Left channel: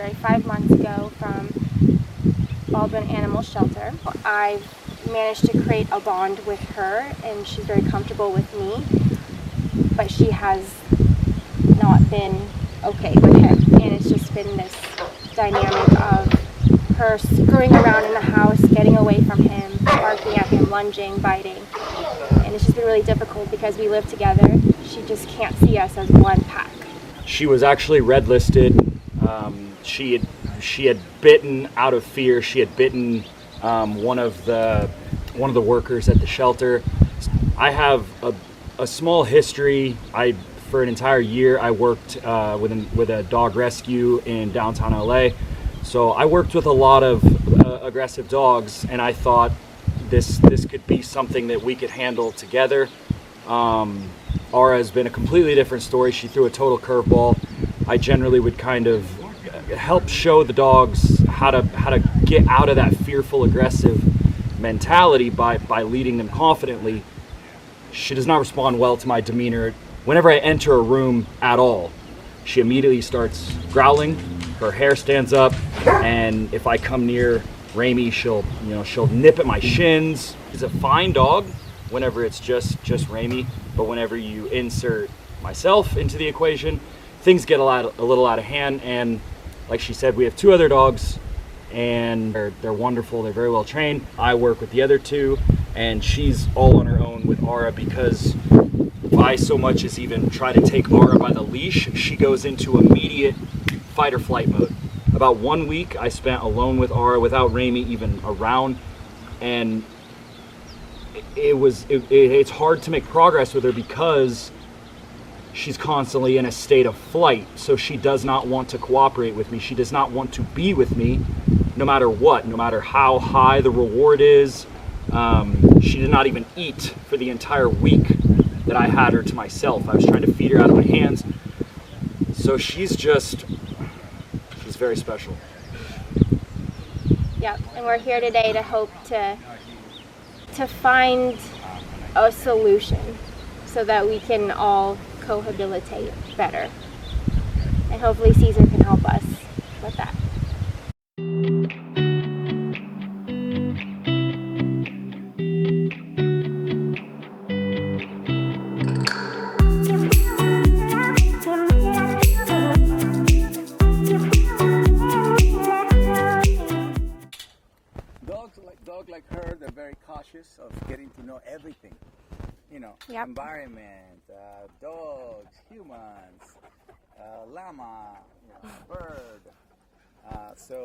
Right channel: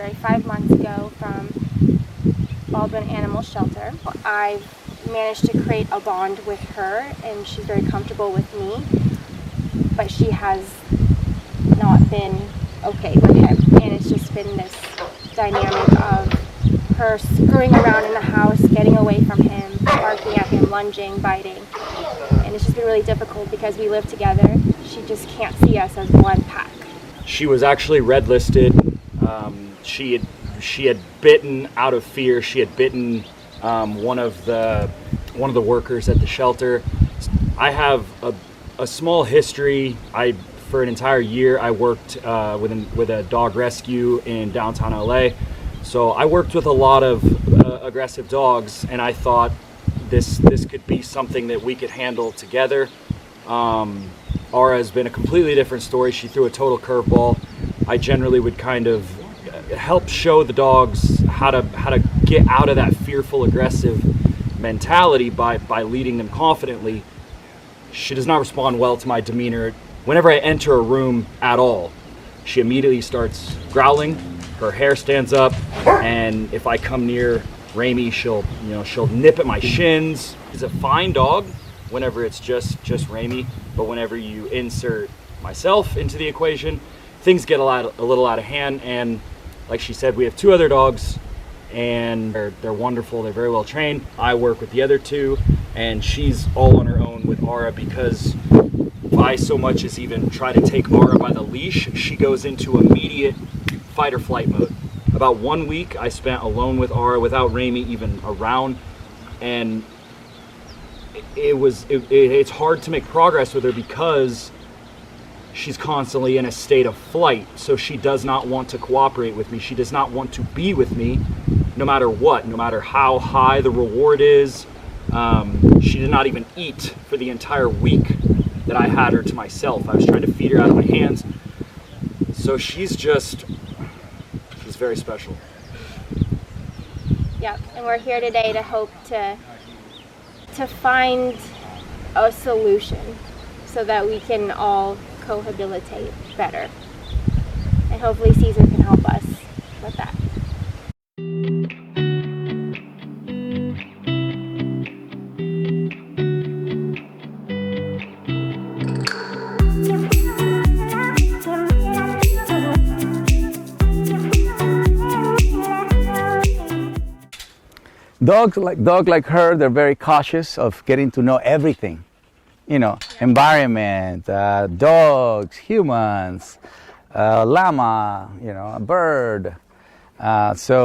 February, 5 months ago from Baldwin Animal Shelter. I've managed to create a bond with her and she's very comfortable with me, but she has not been okay with him, and it's just been this dynamic of her screwing around in the house, getting away from him, barking at him, lunging, biting, and it's just been really difficult because we live together. She just can't see us as one pack. She was actually red listed. She had bitten out of fear. She had bitten one of the workers at the shelter. I have a small history. For an entire year, I worked with a dog rescue in downtown LA. So I worked with a lot of aggressive dogs, and I thought this could be something that we could handle together. Ara has been a completely different story. She threw a total curveball. I generally would kind of help show the dogs how to get out of that fearful, aggressive mentality by leading them confidently. She does not respond well to my demeanor. Whenever I enter a room at all, she immediately starts growling. Her hair stands up, and if I come near Remi, she'll nip at my shins. She's a fine dog whenever it's just Remi, but whenever you insert myself into the equation, things get a little out of hand. And like she said, we have 2 other dogs, and they're wonderful. They're very well trained. I work with the other 2, and she's all on her own with Ara, because if I so much as even try to take Ara by the leash, she goes into immediate fight or flight mode. About 1 week I spent alone with Ara without Remi even around, and it's hard to make progress with her because she's constantly in a state of flight. So she does not want to cooperate with me. She does not want to be with me, no matter what, no matter how high the reward is. She did not even eat for the entire week that I had her to myself. I was trying to feed her out of my hands. So she's very special. Yeah, and we're here today to hope to find a solution so that we can all cohabitate better. And hopefully Cesar can help us with that. Dog like her, they're very cautious of getting to know everything. Yep. Environment, dogs, humans, llama, a bird. But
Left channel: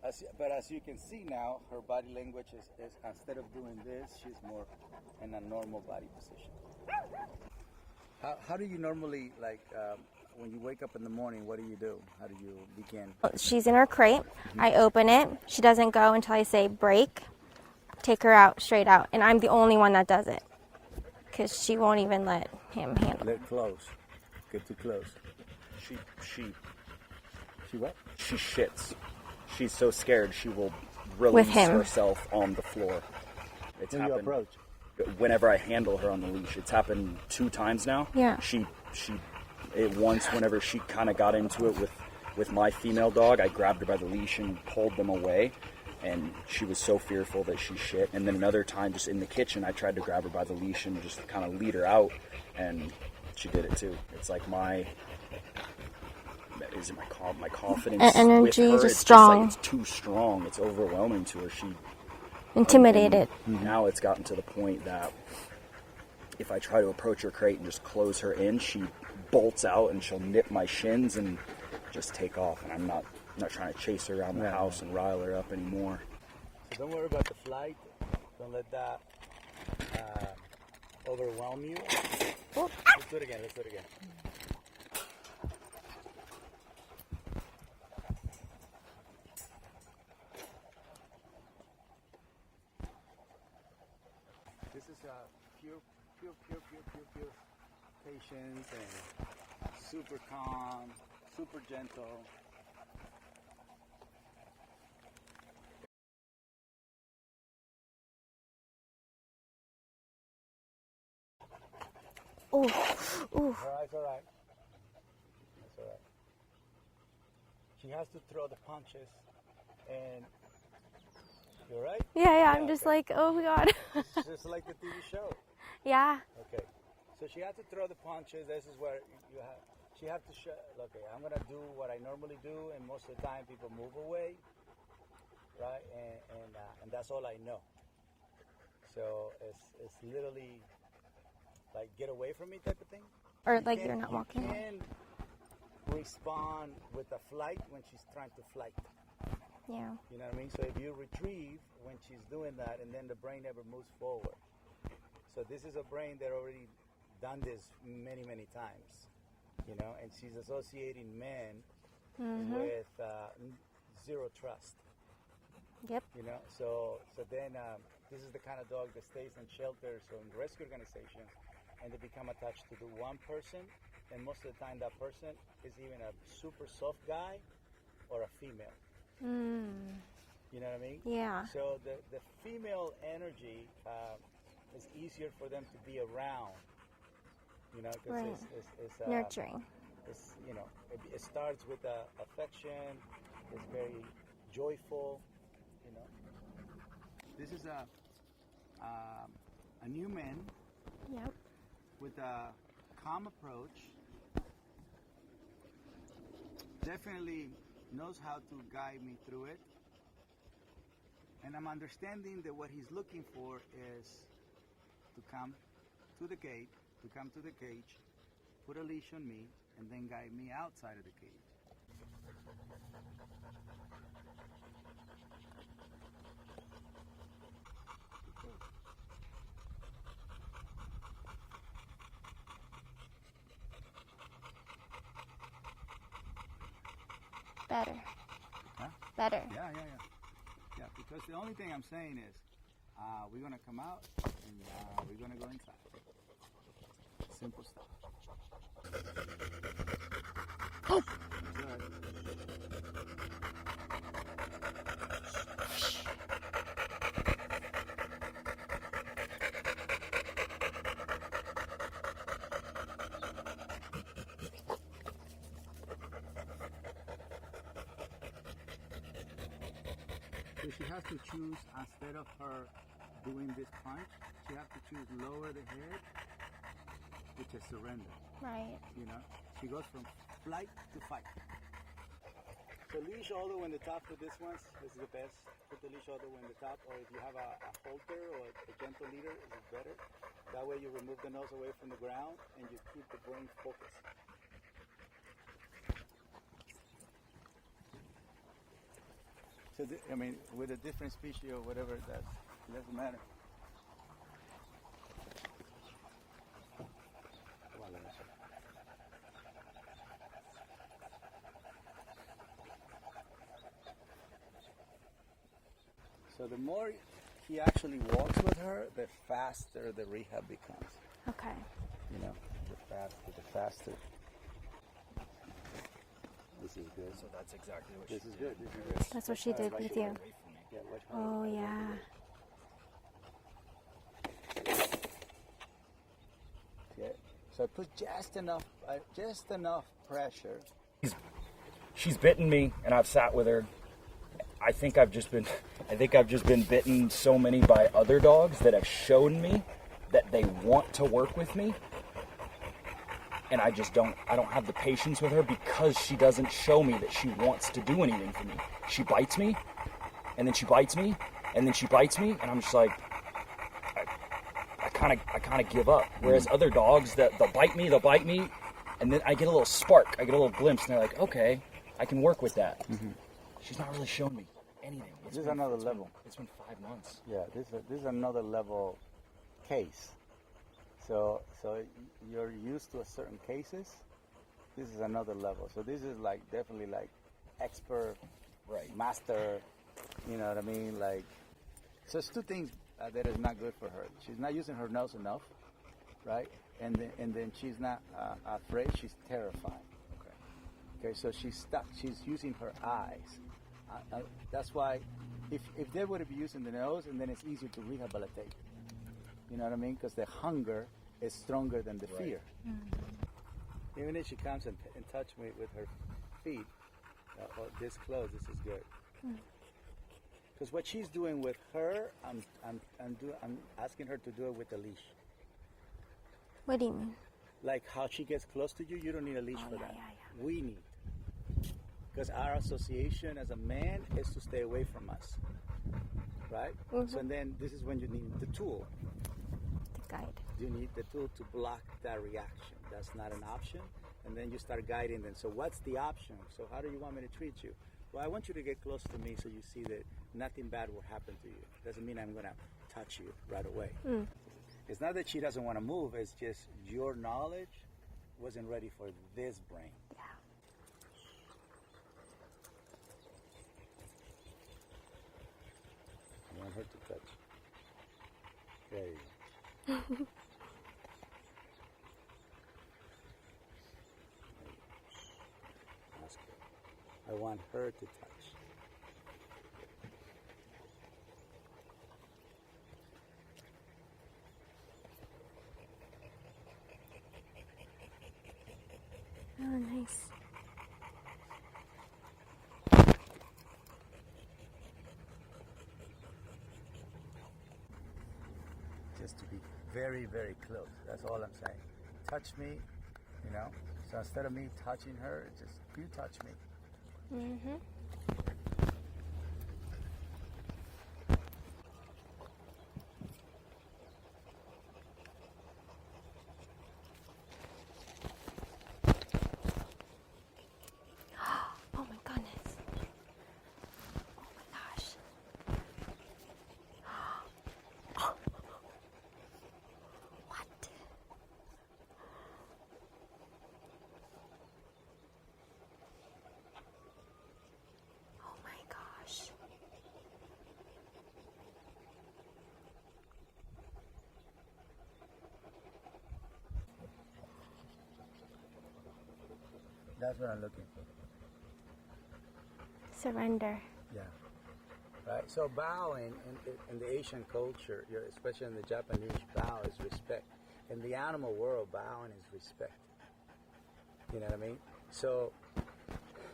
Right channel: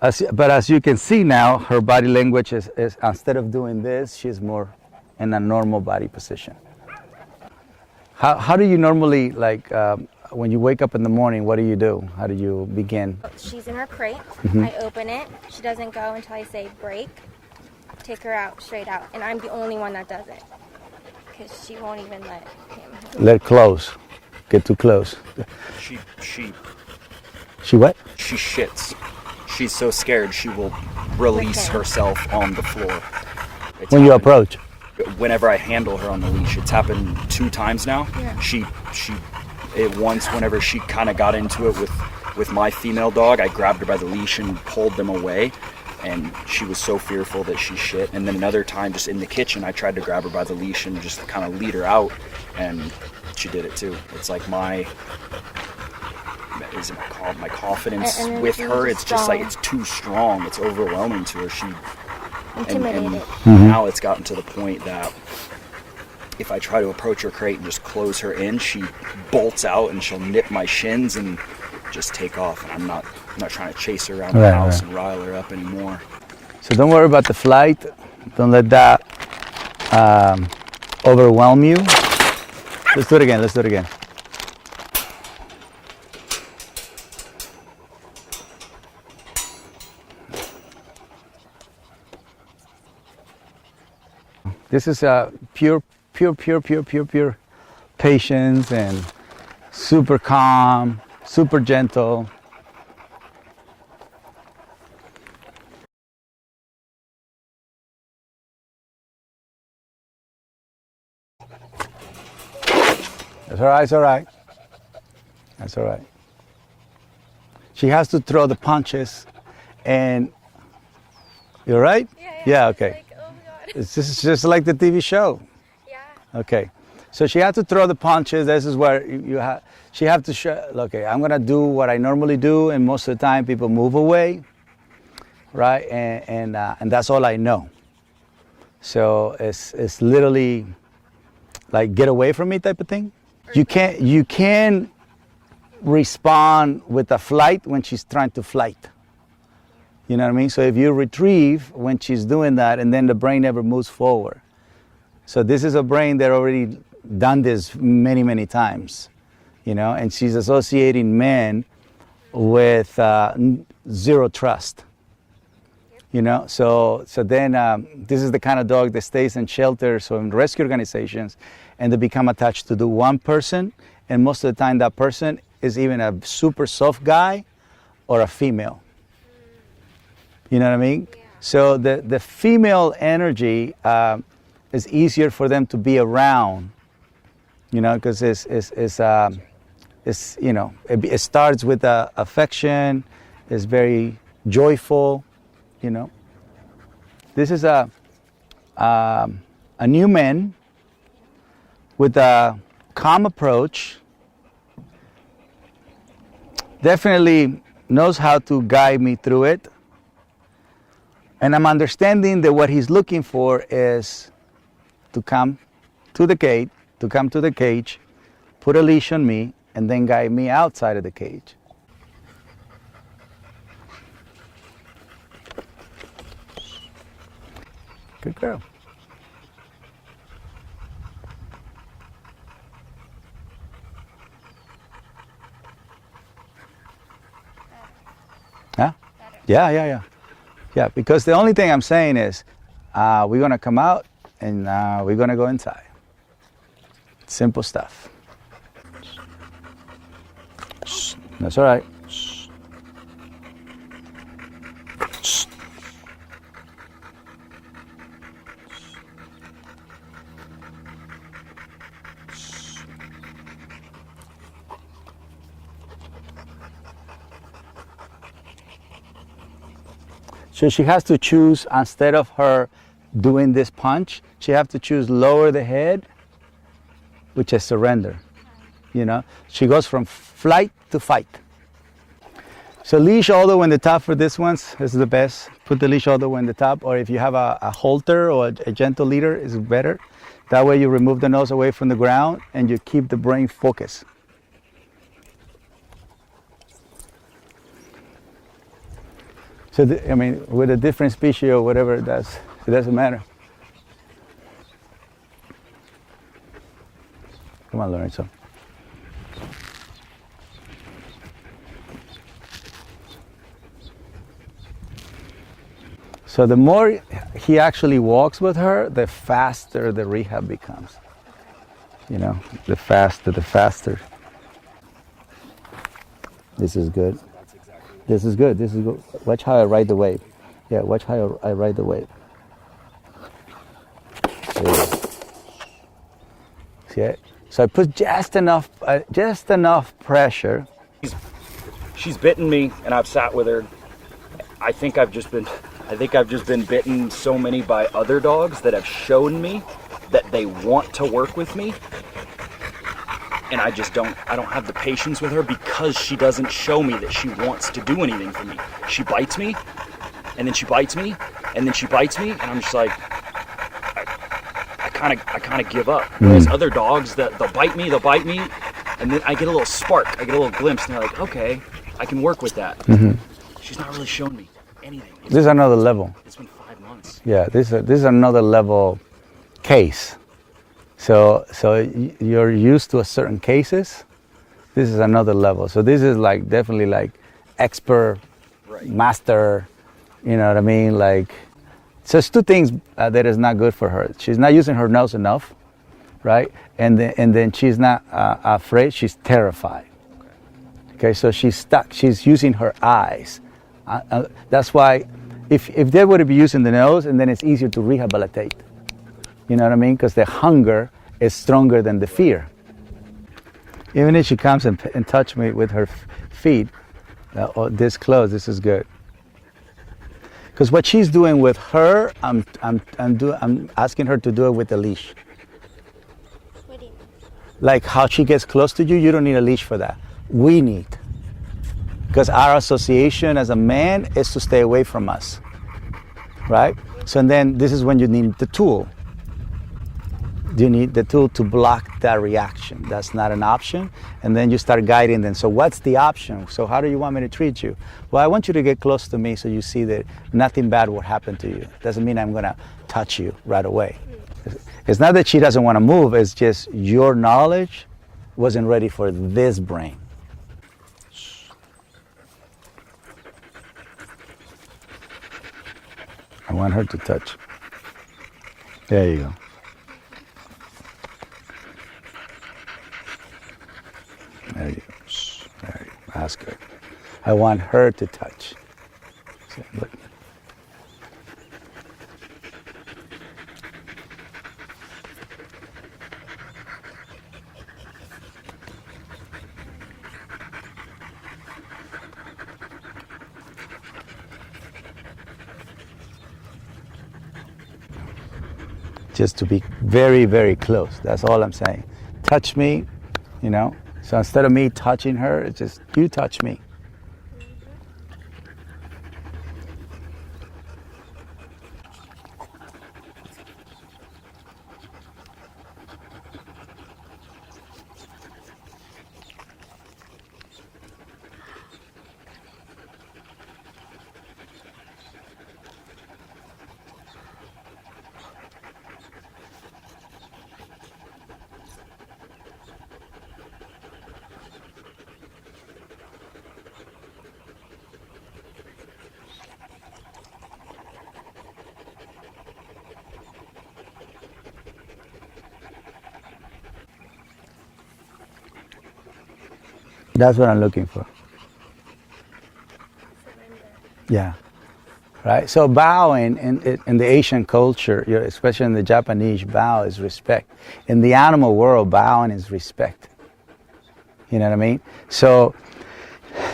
as you can see now, her body language is instead of doing this, she's more in a normal body position. How do you normally, when you wake up in the morning, what do you do? How do you begin? She's in her crate. Mm-hmm. I open it. She doesn't go until I say break. Take her out, straight out. And I'm the only one that does it, because she won't even let him handle it. Let close. Get too close. She what? She shits. She's so scared she will release herself on the floor. When you approach? Whenever I handle her on the leash. It's happened 2 times now. Yeah. Once whenever she kind of got into it with my female dog, I grabbed her by the leash and pulled them away, and she was so fearful that she shit. And then another time, just in the kitchen, I tried to grab her by the leash and just kind of lead her out, and she did it too. It's like my confidence with her, it's strong. Just like it's too strong. It's overwhelming to her. She intimidated. And now it's gotten to the point that if I try to approach her crate and just close her in, she bolts out and she'll nip my shins and just take off. And I'm not trying to chase her around the house and rile her up anymore. So don't worry about the flight. Don't let that overwhelm you. Let's do it again. This is a pure patience and super calm, super gentle. That's all right. That's all right. She has to throw the punches, and you're right. Yeah. Okay. Just like, oh my God. It's just like the TV show. Yeah. Okay. So she had to throw the punches. This is where she have to show, okay, I'm gonna do what I normally do, and most of the time people move away, right? And that's all I know. So it's literally like get away from me type of thing. Or You like- can't respond with a flight when she's trying to flight. Yeah. You know what I mean? So if you retrieve when she's doing that, and then the brain never moves forward. So this is a brain that already done this many, many times, you know, and she's associating men with zero trust. Yep. You know, so then this is the kind of dog that stays in shelters or in rescue organizations, and they become attached to the one person, and most of the time that person is even a super soft guy or a female. You know what I mean? Yeah. So the female energy is easier for them to be around, you know, because Nurturing. it's you know, it starts with affection, it's very joyful, you know. This is a new man Yep. with a calm approach. Definitely knows how to guide me through it. And I'm understanding that what he's looking for is to come to the cage, put a leash on me, and then guide me outside of the cage. Good girl. Better. Huh? Better. Yeah. Yeah, because the only thing I'm saying is we're going to come out and we're going to go inside. Simple stuff. That's all right. So she has to choose, instead of her doing this punch, she has to choose lower the head, which is surrender. Right. You know, she goes from flight to fight. So leash all the way in the top for this ones is the best. Put the leash all the way in the top, or if you have a halter or a gentle leader, is better. That way you remove the nose away from the ground and you keep the brain focused. So, I mean, with a different species or whatever, it doesn't matter. Come on, Lorenzo. So the more he actually walks with her, the faster the rehab becomes. Okay. You know, the faster. This is good. This is good. This is good. Watch how I ride the wave. Yeah, watch how I ride the wave. There you go. See it? So I put just enough pressure. She's bitten me, and I've sat with her. I think I've just been bitten so many by other dogs that have shown me that they want to work with me. And I don't have the patience with her because she doesn't show me that she wants to do anything for me. She bites me, and then she bites me, and then she bites me, and I'm just like, I kind of give up. Whereas other dogs, they'll bite me, and then I get a little spark, I get a little glimpse, and they're like, okay, I can work with that. She's not really showing me anything. This is another level. It's been 5 months. Yeah, this is another level case. So you're used to a certain cases. This is another level. So this is like definitely like expert, Right. master. You know what I mean? Like, so it's two things that is not good for her. She's not using her nose enough, right? And then she's not afraid. She's terrified. Okay, so she's stuck. She's using her eyes. That's why, if they would be using the nose, and then it's easier to rehabilitate. You know what I mean? Because the hunger is stronger than the fear. Even if she comes and touch me with her feet, This close, this is good. Because what she's doing with her, I'm asking her to do it with a leash. What do you mean? Like how she gets close to you, you don't need a leash for that. We need. Because our association as a man is to stay away from us. Right? So and then this is when you need the tool. You need the tool to block that reaction. That's not an option. And then you start guiding them. So what's the option? So how do you want me to treat you? Well, I want you to get close to me so you see that nothing bad will happen to you. Doesn't mean I'm going to touch you right away. It's not that she doesn't want to move. It's just your knowledge wasn't ready for this brain. I want her to touch. There you go. There you go. There you go. That's good. I want her to touch. So, look. Just to be very, very close. That's all I'm saying. Touch me, you know. So instead of me touching her, it's just you touch me. That's what I'm looking for. Surrender. Yeah. Right? So bowing in the Asian culture, especially in the Japanese, bow is respect. In the animal world, bowing is respect. You know what I mean? So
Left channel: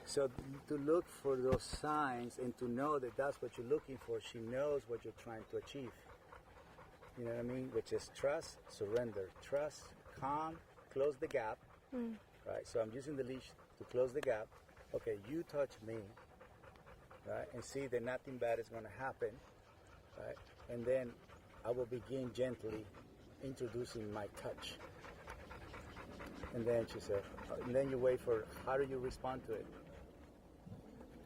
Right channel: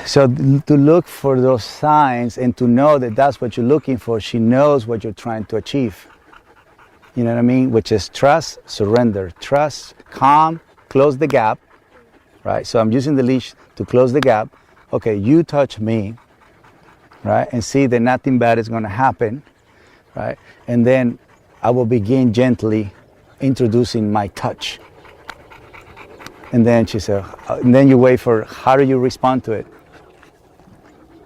to look for those signs and to know that that's what you're looking for, she knows what you're trying to achieve. You know what I mean? Which is trust, surrender. Trust, calm, close the gap. Right? So I'm using the leash to close the gap. Okay, you touch me, right? And see that nothing bad is going to happen, right? And then I will begin gently introducing my touch. And then she said, and then you wait for, how do you respond to it?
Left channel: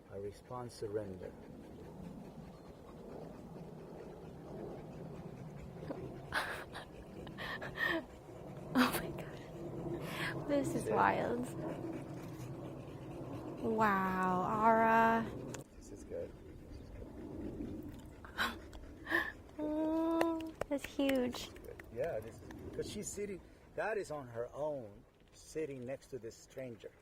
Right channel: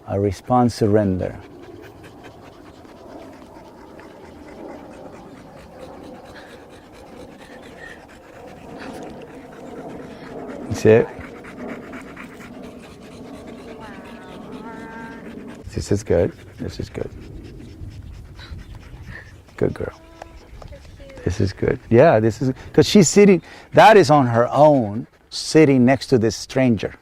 I respond surrender. See it? Wow, Ara. This is good. This is good. Good girl. Oh, that's huge. This is good. Yeah, this is, because she's sitting, that is on her own, sitting next to this stranger.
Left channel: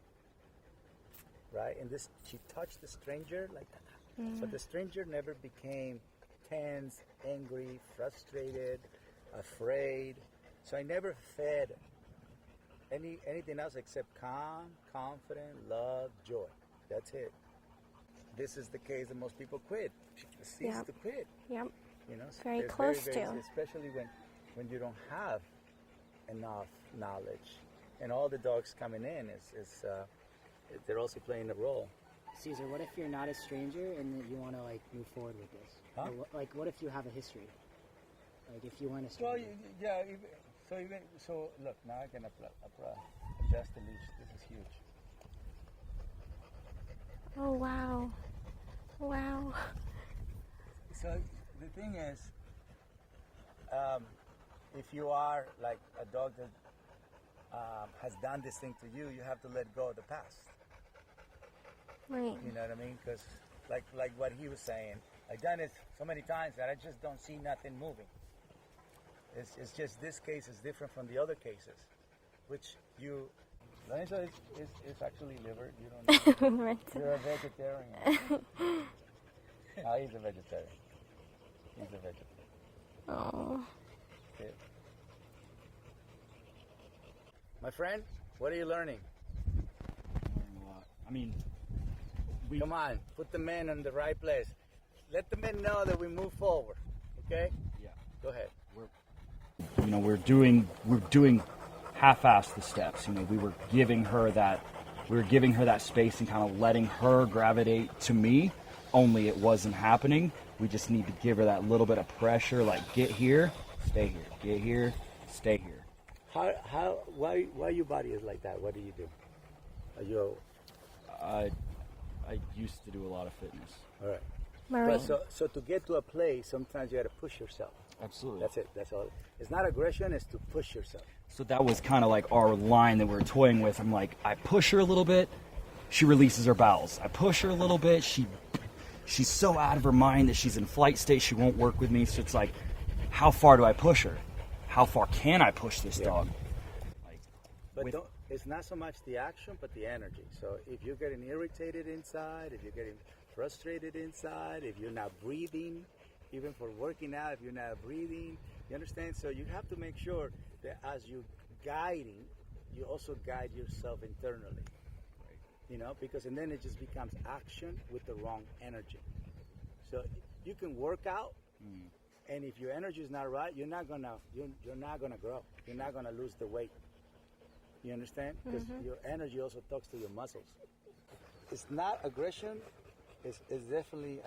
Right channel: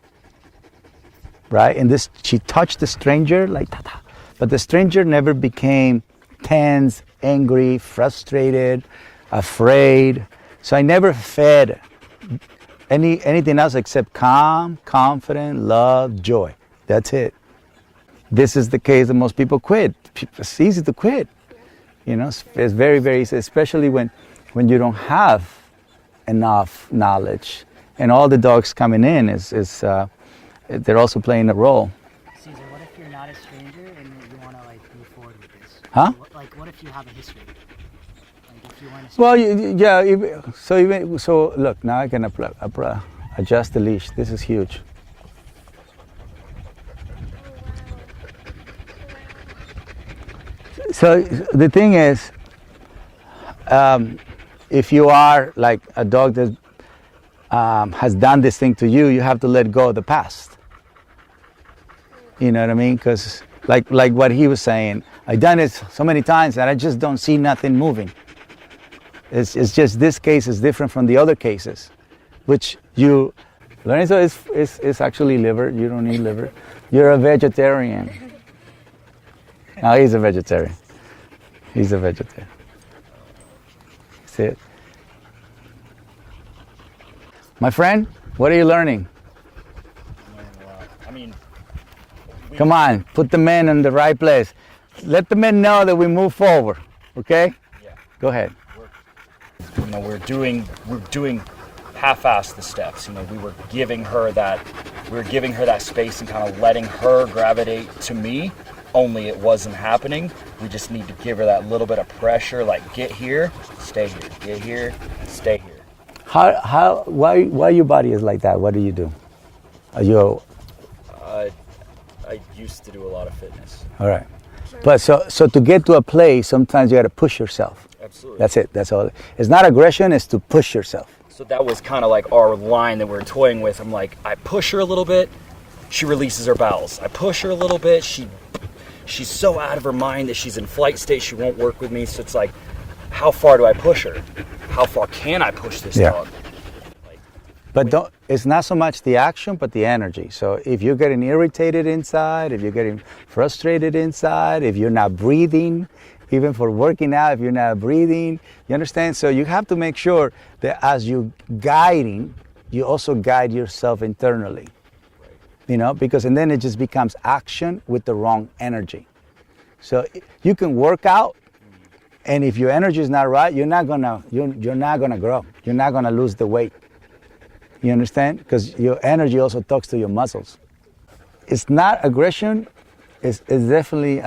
Right? And this, she touched the stranger like ta-ta. But the stranger never became tense, angry, frustrated, afraid. So I never fed anything else except calm, confident, love, joy. That's it. This is the case that most people quit. It's easy to quit. Yep. You know, it's very, very easy, especially when you don't have enough knowledge. And all the dogs coming in they're also playing a role. Cesar, what if you're not a stranger and you want to like move forward with this? Huh? Like, what if you have a history? Like, if you want to. Well, so look, now I can adjust the leash. This is huge. Oh, wow. Wow. So the thing is, if you are like a dog that has done this thing to you, you have to let go of the past. Right. You know what I mean? Because like what he was saying, I've done it so many times that I just don't see nothing moving. It's just this case is different from the other cases, which you, Lorenzo is actually liver. You don't need liver. You're a vegetarian. No, he's a vegetarian. He's a vegetarian. Oh. See it? My friend, what are you learning? I mean, Come on, put the men in the right place. Let the men know that we move forward, okay? Yeah. Go ahead. We're doing half-ass the steps. We were giving her that space and kind of letting her gravitate to me. Only it wasn't happening. We just need to give her that little bit of pressure, like get here, stay here, get here, stay here. Why your body is like that? What do you do? Are you I used to do a lot of fitness. all right? But so to get to a place, sometimes you got to push yourself. Absolutely. That's it. That's all. It's not aggression. It's to push yourself. So that was kind of like our line that we were toying with. I'm like, I push her a little bit, she releases her bowels. I push her a little bit, she's so out of her mind that she's in flight state, she won't work with me. So it's like, how far do I push her? How far can I push this dog? But it's not so much the action, but the energy. So if you're getting irritated inside, if you're getting frustrated inside, if you're not breathing, even for working out, if you're not breathing, you understand? So you have to make sure that as you're guiding, you also guide yourself internally. Because and then it just becomes action with the wrong energy. So you can work out, and if your energy is not right, you're not gonna grow. You're not gonna lose the weight. You understand? Because your energy also talks to your muscles. It's not aggression. It's definitely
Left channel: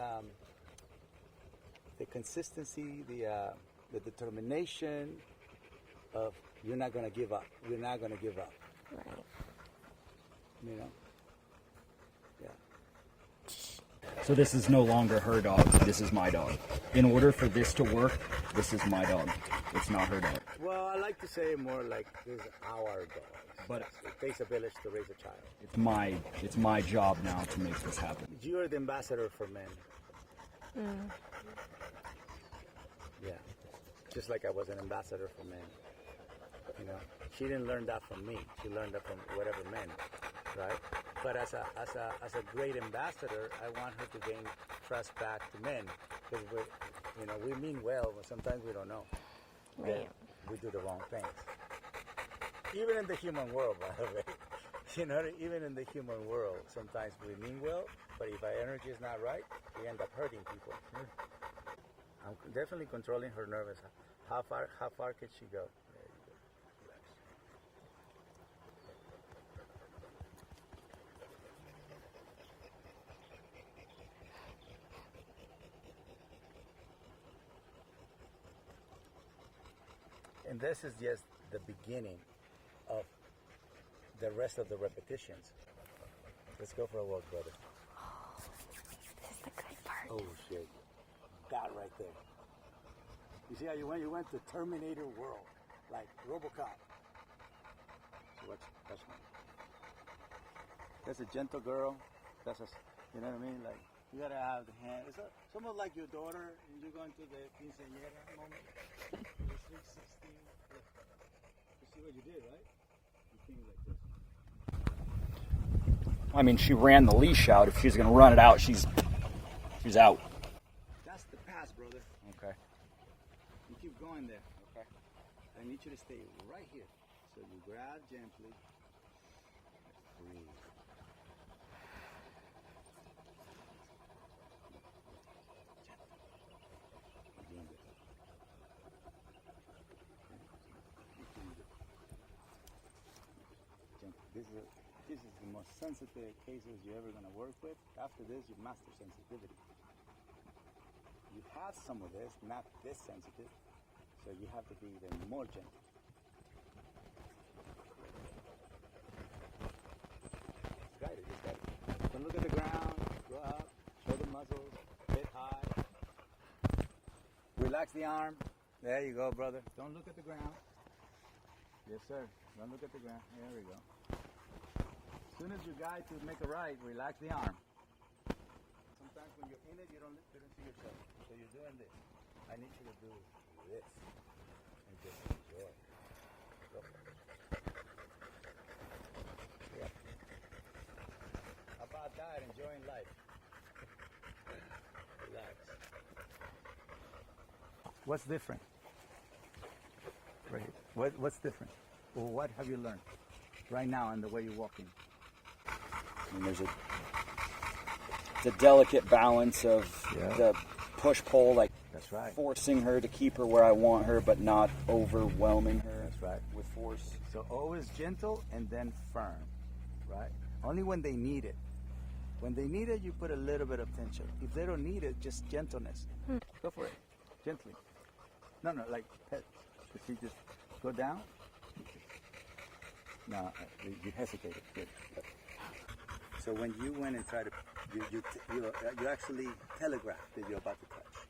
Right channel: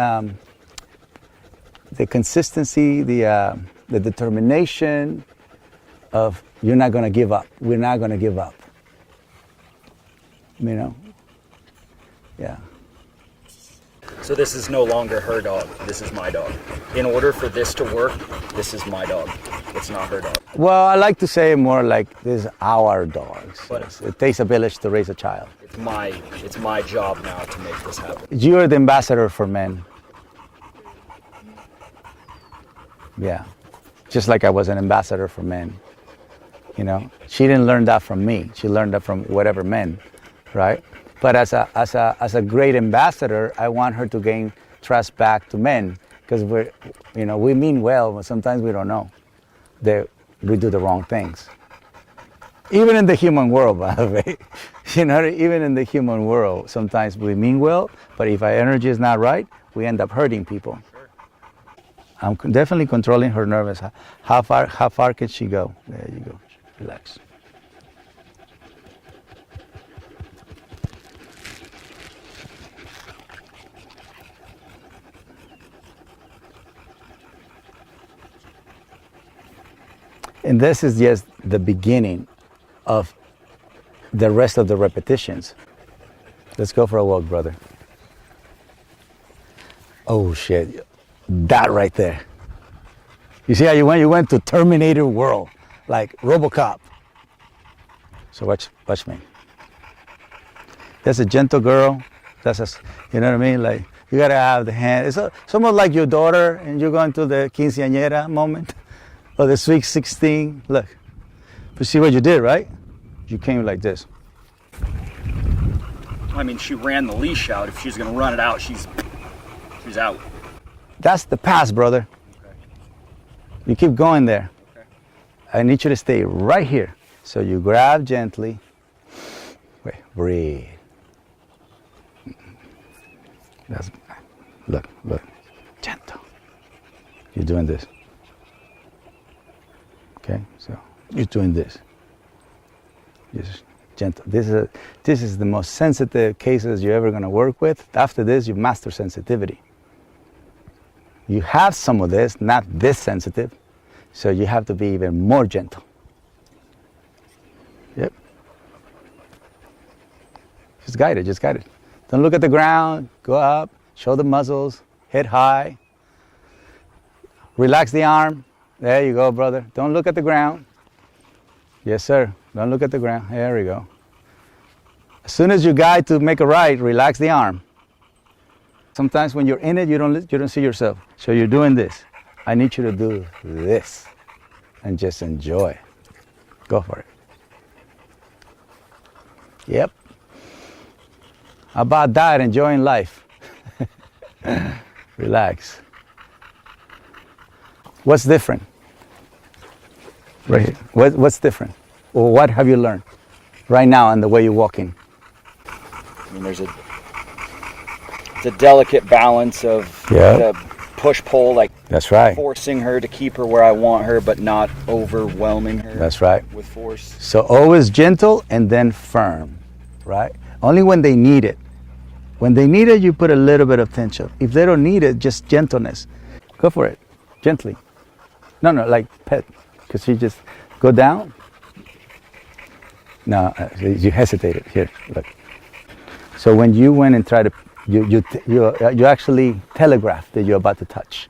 the consistency, the determination of you're not going to give up. We're not going to give up. Yeah. So this is no longer her dog. This is my dog. In order for this to work, this is my dog. It's not her dog. Well, I like to say more like this is our dogs. But it takes a village to raise a child. It's my job now to make this happen. You're the ambassador for men. Yeah. Just like I was an ambassador for men. She didn't learn that from me. She learned that from whatever men, right? But as a great ambassador, I want her to gain trust back to men, because we mean well, but sometimes we don't know that we do the wrong things. Even in the human world, by the way, even in the human world, sometimes we mean well, but if our energy is not right, we end up hurting people. I'm definitely controlling her nerves. How far can she go? There you go. Relax. And this is just the beginning of the rest of the repetitions. Let's go for a walk, brother. Oh shit, that right there. You see how you went? You went to Terminator world, like RoboCop. So watch me. That's a gentle girl. You know what I mean? Like, you gotta have the hand. It's somewhat like your daughter and you're going to the quinceañera moment. Or the sweet 16, look. But see what you did, right? You came like this. I mean, she ran the leash out. If she was gonna run it out, she's out. That's the pass, brother. Okay. You keep going there. Okay. I need you to stay right here. So you grab gently. Wait, breathe. Look, gentle. You're doing this. Okay, so you're doing this. Just gentle. This is the most sensitive cases you're ever going to work with. After this, you master sensitivity. You have some of this, not this sensitive, so you have to be even more gentle. Yep. Just guide it. Don't look at the ground. Go up. Show the muzzles. Head high. Relax the arm. There you go, brother. Don't look at the ground. Yes, sir. Don't look at the ground. There we go. As soon as you guide to make a right, relax the arm. Sometimes when you're in it, you don't see yourself. So you're doing this. I need you to do this and just enjoy. Go for it. Yep. How about that? Enjoying life. Relax. What's different? Right here. What's different? Or what have you learned right now in the way you're walking? I mean, it's a delicate balance of the push-pull, like that's right. forcing her to keep her where I want her, but not overwhelming her. That's right. With force. So always gentle and then firm, right? Only when they need it. When they need it, you put a little bit of tension. If they don't need it, just gentleness. Go for it, gently. No, like pet, because you just go down. No, you hesitated. Here, look. So when you went and tried to, you actually telegraphed that you're about to touch,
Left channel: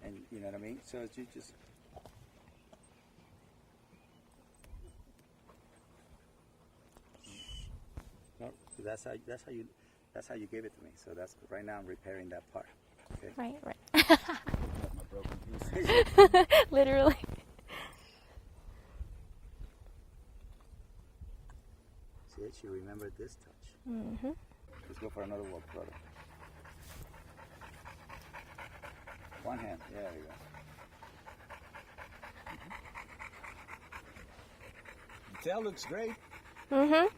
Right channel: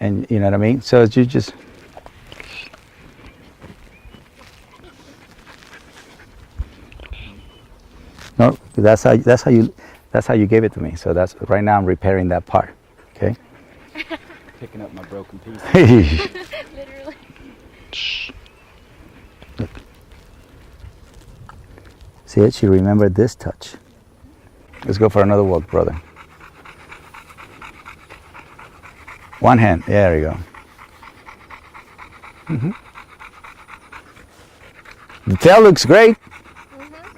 and you know what I mean. So you just. No, that's how you gave it to me. So that's right now I'm repairing that part. Okay. Picking up my broken piece. Literally. Look. See it? She remembered this touch. Mm-hmm. Let's go for another walk, brother. One hand. There you go. Mm-hmm. The tail looks great. Mm-hmm.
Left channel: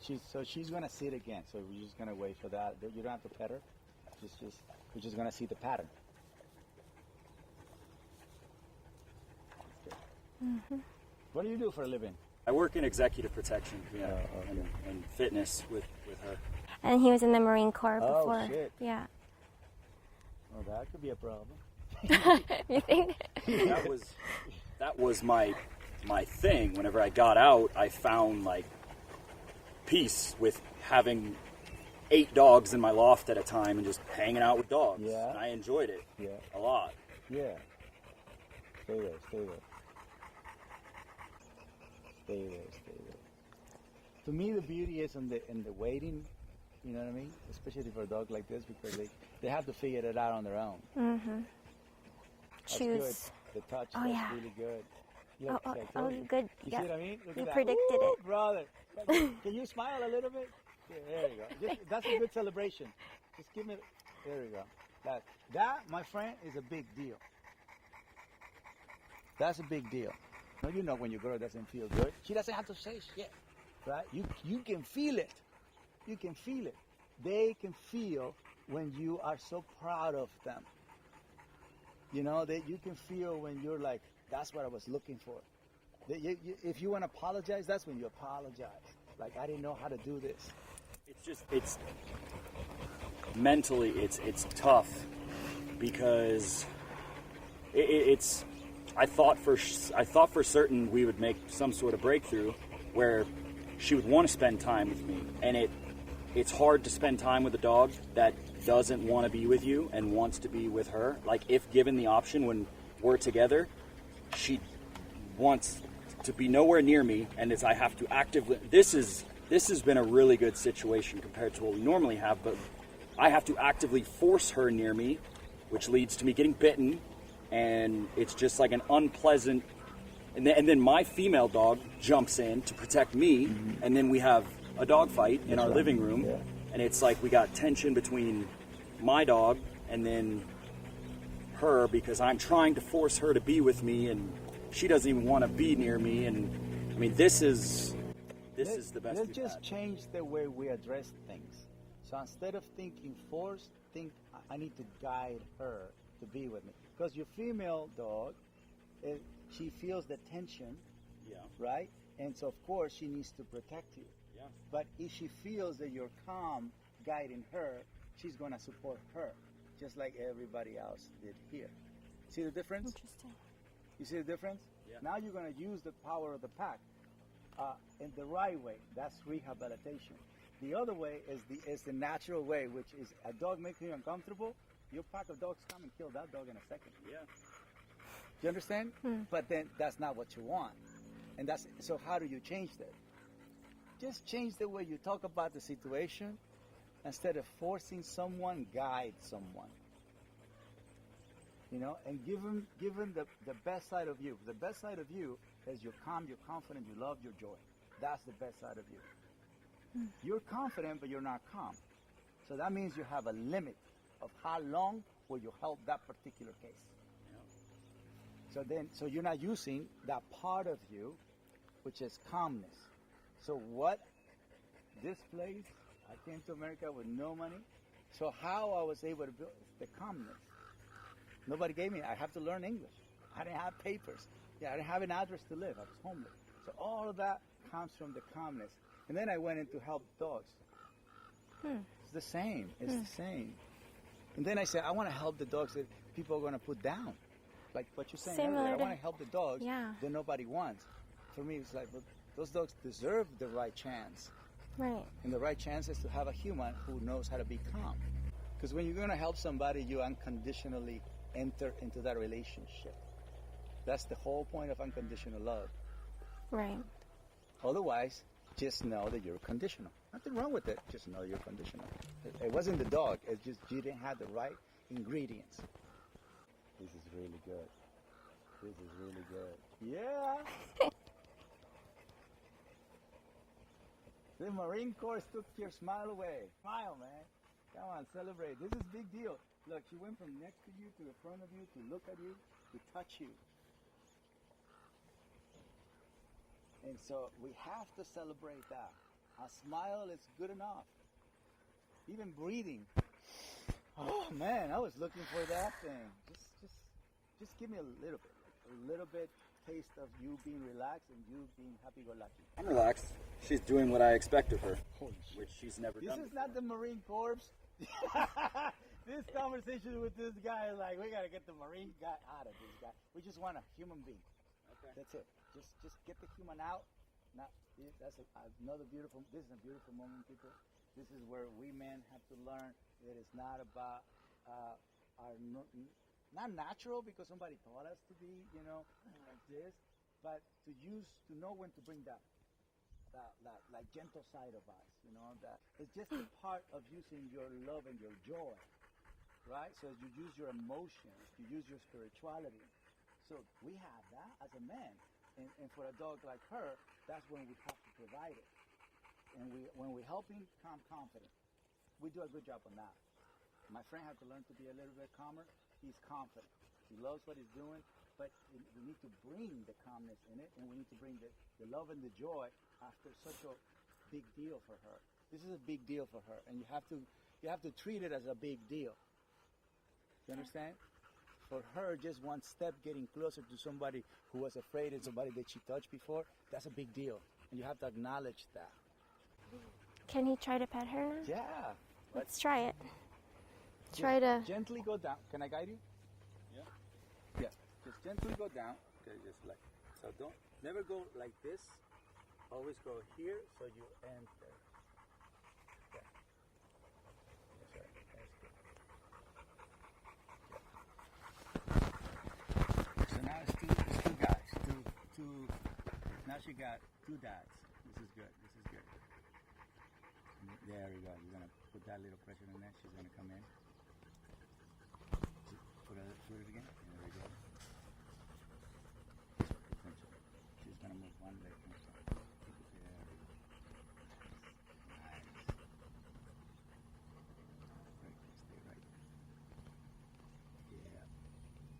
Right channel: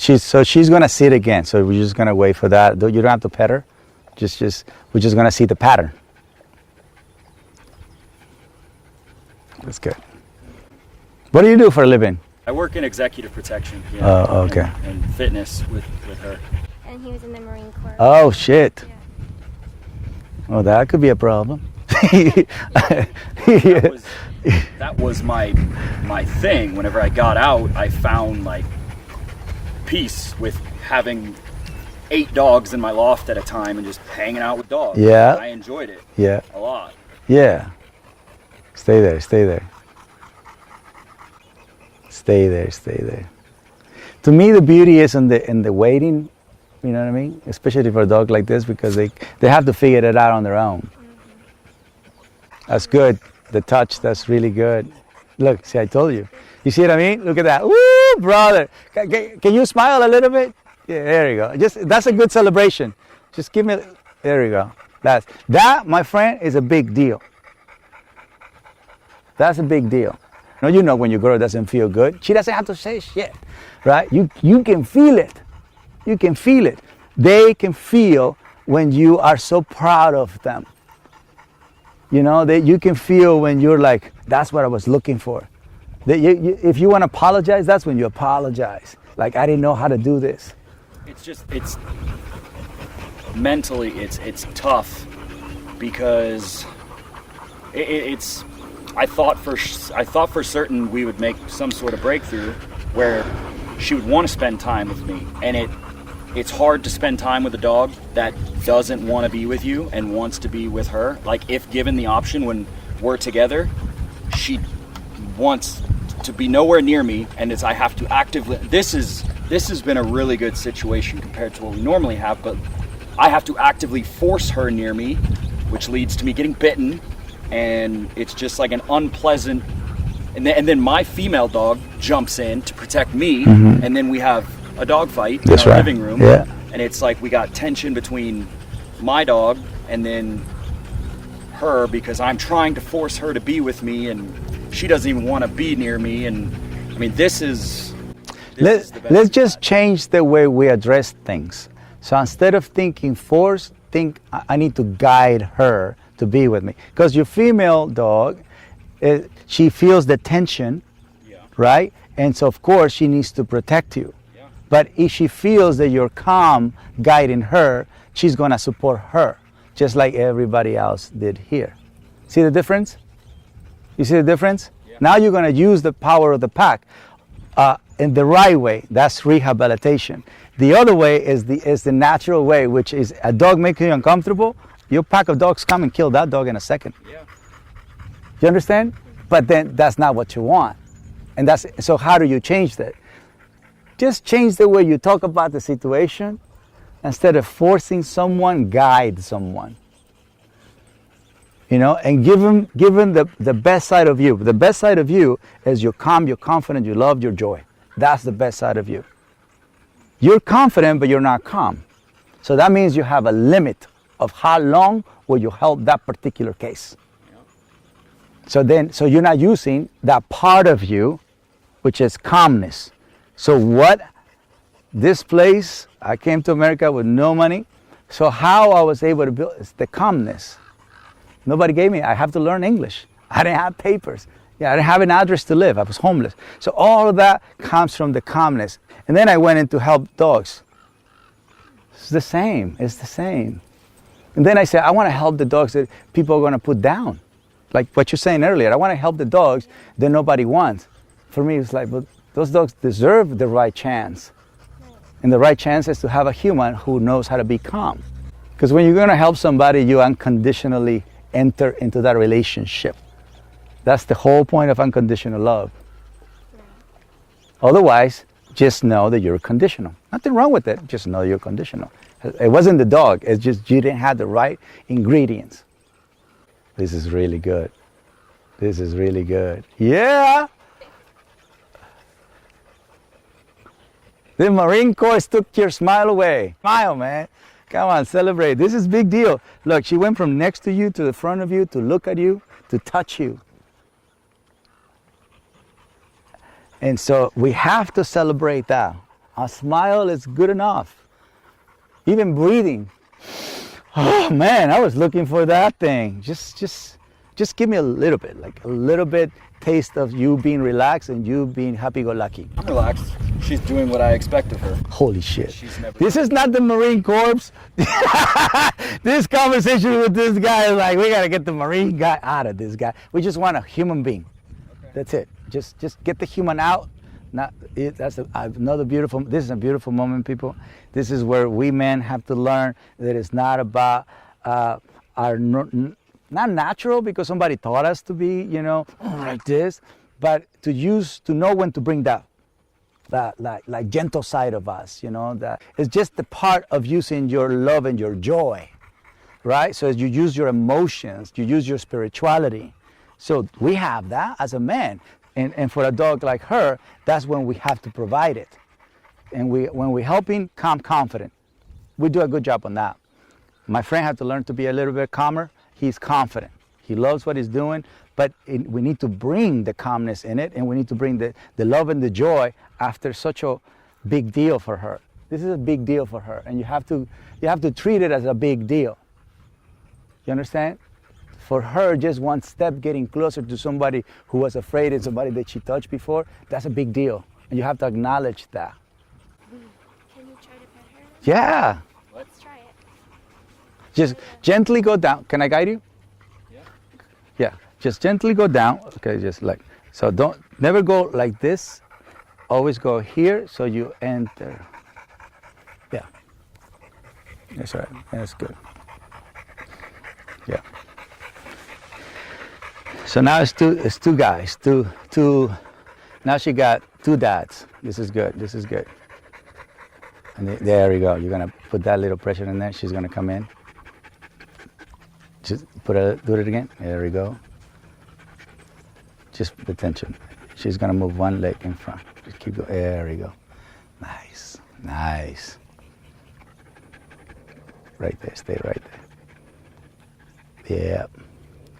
She's gonna sit again. So we're just gonna wait for that. You don't have to pet her. We're just gonna see the pattern. That's good. Mm-hmm. What do you do for a living? I work in executive protection. Oh, okay. And fitness with her. And he was in the Marine Corps. Oh, shit. Yeah. Oh, that could be a problem. That was my thing. Whenever I got out, I found like peace with having 8 dogs in my loft at a time and just hanging out with dogs. Yeah. I enjoyed it. Yeah. A lot. Yeah. Stay there. Stay there. Stay there. Stay there. To me, the beauty is in the waiting. You know what I mean? Especially for a dog like this, because they have to figure it out on their own. Mm-hmm. That's good. The touch. That's really good. Look, see, I told you. You see what I mean? Look at that. Woo, brother. Can you smile a little bit? Yeah, there you go. That's a good celebration. Just give me, there you go. That, my friend, is a big deal. That's a big deal. Now, you know when your girl doesn't feel good, she doesn't have to say shit, right? You can feel it. You can feel it. They can feel when you are so proud of them. You know, you can feel when you're like, that's what I was looking for. If you want to apologize, that's when you apologize. Like, I didn't know how to do this. It's mentally, it's tough because I thought for certain we would make some sort of breakthrough where she would want to spend time with me, and it's hard to spend time with a dog that doesn't want to be with you and wants to be with her. Like, if given the option when we're together, she wants to be nowhere near me, and I have to actively. This has been a really good situation compared to what we normally have, but I have to actively force her near me, which leads to me getting bitten, and it's just like an unpleasant. And then my female dog jumps in to protect me, mm-hmm. and then we have a dog fight in our living room, yeah. And it's like we got tension between my dog and then her, because I'm trying to force her to be with me, and she doesn't even want to be near me. And I mean, let's just change the way we address things. So instead of thinking force, think I need to guide her to be with me. Because your female dog, she feels the tension, yeah. Right? And so of course she needs to protect you. Yeah. But if she feels that you're calm guiding her, she's going to support her, just like everybody else did here. See the difference? You see the difference? Yeah. Now you're going to use the power of the pack in the right way. That's rehabilitation. The other way is the natural way, which is a dog making you uncomfortable. Your pack of dogs come and kill that dog in a second. Yeah. You understand? Mm. But then that's not what you want. And so how do you change that? Just change the way you talk about the situation. Instead of forcing someone, guide someone. You know, and give them the best side of you. The best side of you is you're calm, you're confident, you love, your joy. That's the best side of you. You're confident, but you're not calm. So that means you have a limit of how long will you help that particular case. So you're not using that part of you, which is calmness. So this place, I came to America with no money. So how I was able to build is the calmness. Nobody gave me, I have to learn English. I didn't have papers. Yeah, I didn't have an address to live. I was homeless. So all of that comes from the calmness. And then I went in to help dogs. It's the same. It's the same. And then I said, I want to help the dogs that people are going to put down. Like what you're saying earlier. I want to help the dogs that nobody wants. For me, it's like, but those dogs deserve the right chance. Right. And the right chance is to have a human who knows how to be calm. Because when you're going to help somebody, you unconditionally enter into that relationship. That's the whole point of unconditional love. Right. Otherwise, just know that you're conditional. Nothing wrong with it, just know you're conditional. It wasn't the dog, it's just you didn't have the right ingredients. This is really good. This is really good. Yeah! The Marine Corps took your smile away. Smile, man. Come on, celebrate. This is big deal. Look, she went from next to you to the front of you to look at you to touch you. And so we have to celebrate that. A smile is good enough. Even breathing. Oh man, I was looking for that thing. Just give me a little bit, like a little bit taste of you being relaxed and you being happy-go-lucky. I'm relaxed. She's doing what I expect of her. Holy shit. She's never This is not the Marine Corps. This conversation with this guy is like, we gotta get the Marine guy out of this guy. We just want a human being. Okay. That's it. Just get the human out. Another beautiful, this is a beautiful moment, people. This is where we men have to learn that it's not about not natural because somebody taught us to be, like this, but to know when to bring that like gentle side of us, that it's just the part of using your love and your joy, right? So as you use your emotions, you use your spirituality. So we have that as a man. And for a dog like her, that's when we have to provide it. And when we're helping, calm, confident. We do a good job on that. My friend had to learn to be a little bit calmer. He's confident. He loves what he's doing, but we need to bring the calmness in it, and we need to bring the love and the joy after such a big deal for her. This is a big deal for her, and you have to treat it as a big deal. You understand? For her, just one step getting closer to somebody who was afraid and somebody that she touched before, that's a big deal. And you have to acknowledge that. Can he try to pet her? Yeah. Let's try it. Just gently go down. Can I guide you? Yeah. Yeah. Just gently go down. Okay, just like, so never go like this. Always go here so you enter. Yeah. That's right. That's good. Yeah. So now it's two guys, two. Now she got two dads. This is good. This is good. And there we go. You're gonna put that little pressure in there. She's gonna come in. Just do it again. There we go. Just pay attention. She's gonna move one leg in front. Just keep going. There we go. Nice, nice. Right there. Stay right there. Yeah.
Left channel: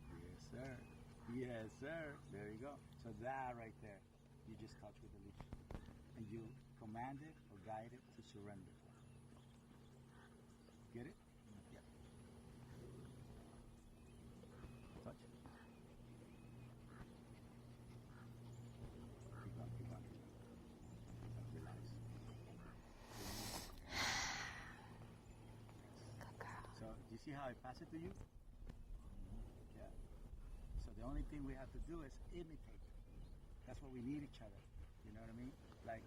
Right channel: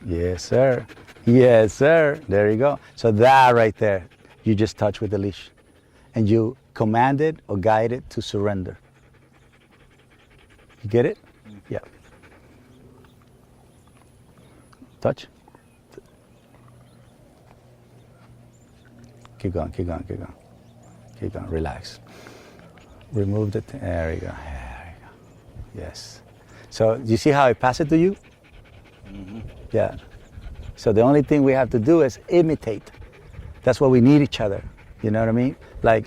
Yes, sir. Yes, sir. There you go. So that right there, you just touch with the leash. And you command it or guide it to surrender. You get it? Yeah. Touch. Keep going, keep going, keep going. Keep going, relax. Remove the, there you go, there you go. Yes. So you see how I pass it to you? Mm-hmm. Yeah. So the only thing we have to do is imitate. That's why we need each other. You know what I mean? Like,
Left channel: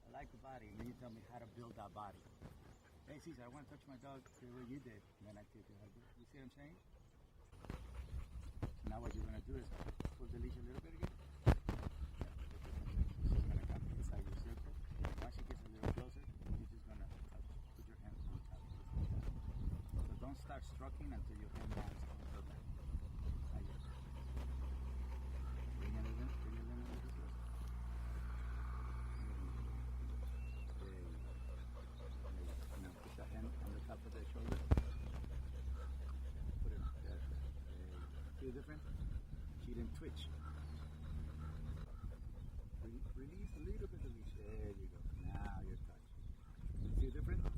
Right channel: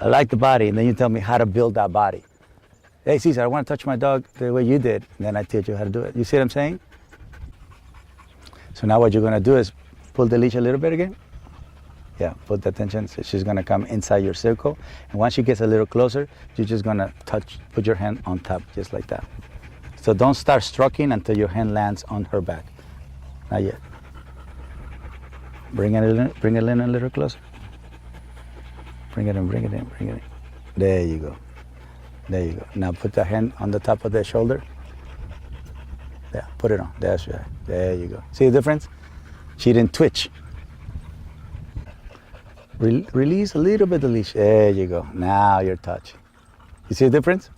I like the body, and then you tell me how to build that body. Hey, Cesar, I want to touch my dog the way you did. And then I teach you how to do it. You see what I'm saying? So now what you're going to do is pull the leash a little bit again. Yeah, put the attention. So she's going to come inside your circle. And once she gets a little closer, you're just going to put your hand on top, just like that. So don't start stroking until your hand lands on her back. Not yet. Bring it in a little closer. Bring it in, bring it in, bring it in. There you go. There you go. Now put the hand on the top of the shoulder. Yeah, put it on. That's right. There you go. See the difference? She didn't twitch. Release a little bit the leash. There you go. Now you're touching. You see the difference?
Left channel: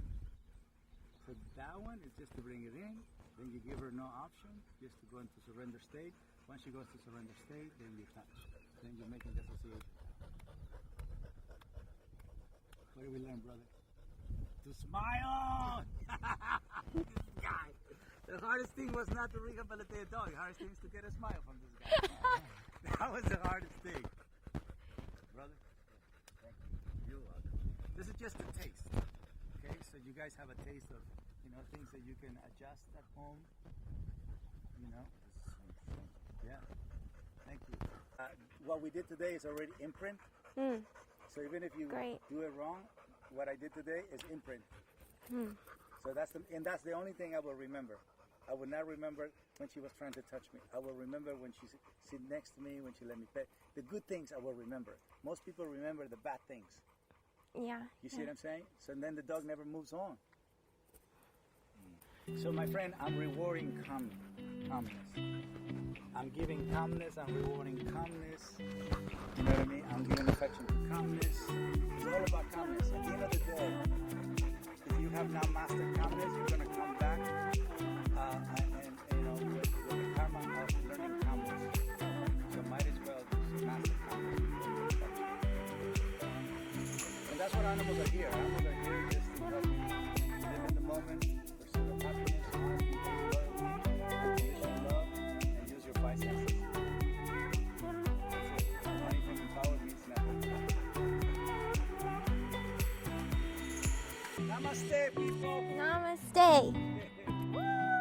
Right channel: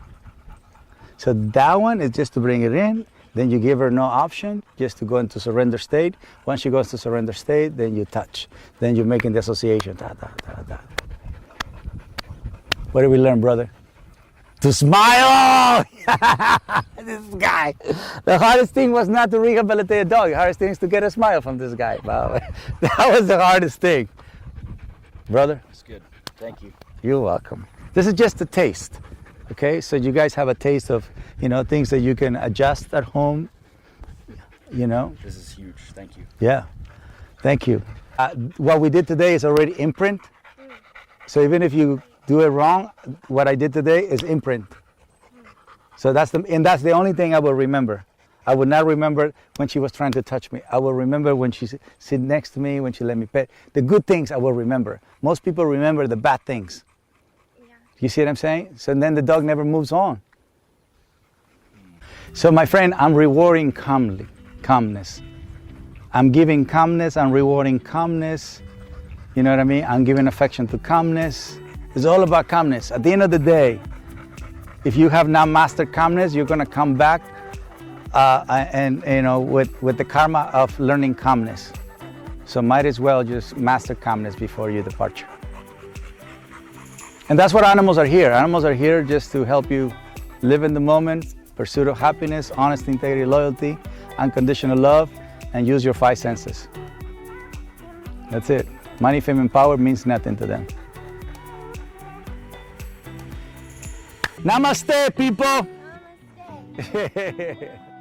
So that one is just to bring it in. Then you give her no option, just to go into surrender state. Once she goes to surrender state, then you touch. Then you're making the association. Da, da, da, da. What did we learn, brother? To smile! This guy. The hardest thing was not to rehabilitate a dog. The hardest thing is to get a smile from this guy. Wow. That was the hardest thing. Brother? That's good. Thank you. You're welcome. This is just a taste. Okay, so you guys have a taste of, things that you can adjust at home, This is huge. Thank you. Yeah, thank you. What we did today is already imprint. So even if you do it wrong, what I did today is imprint. So that's the only thing I will remember. I would not remember when she was trying to touch me. I will remember when she sit next to me, when she let me pet. The good things I will remember. Most people remember the bad things. Yeah. You see what I'm saying? So then the dog never moves on. So my friend, I'm rewarding calmness. I'm giving calmness, I'm rewarding calmness. You know what I mean? I'm giving affection to calmness. It's all about calmness. At the end of the day, if you have not mastered calmness, you're gonna come back with the karma of learning calmness. So might as well just master calmness before your departure. And that's what animals are here. Animals are here just to help you live in the moment, pursuit of happiness, honesty, integrity, loyalty, unconditional love, and use your 5 senses. That's it. Money, fame, and power means nothing to them. Namaste, people. Namaste.